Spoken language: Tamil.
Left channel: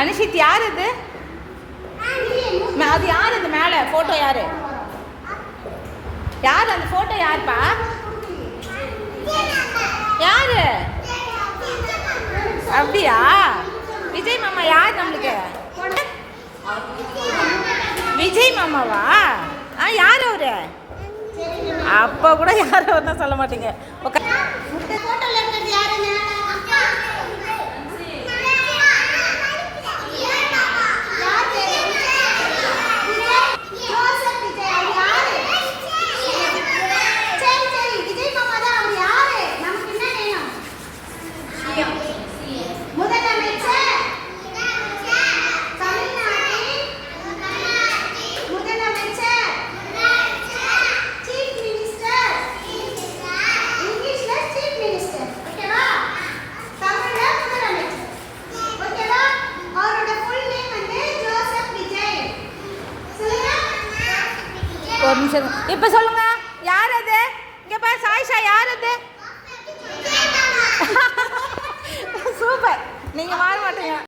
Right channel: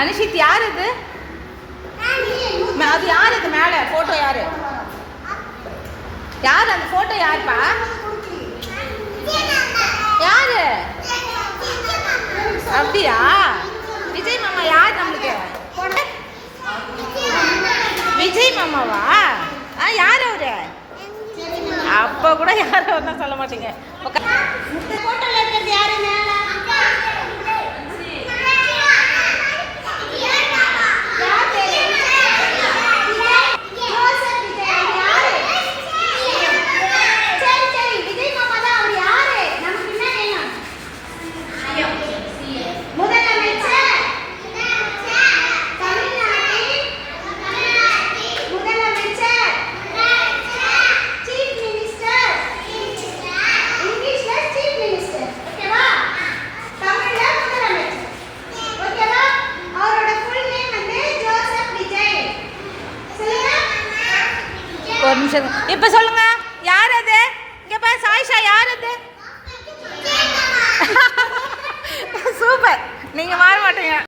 அனிஷித் யார் அது? அது யார் அது மேலே ஃபோட்டோ யார்? யார் அந்த ஃபோட்டோ யாருப்பா? யாரு? அப்படியா? விஜய் மாமா யார் நம்மளுக்கு? விஜய் மாமாவா? யார் அவரு? அப்போ கூட யாரும் ஒன்றா சொல்ல மாட்டீங்க. ஒரு நிமிஷம். இப்போ சொல்லுங்க, யார் அது? இங்கே பாரு சாயிஷா, யார் அது?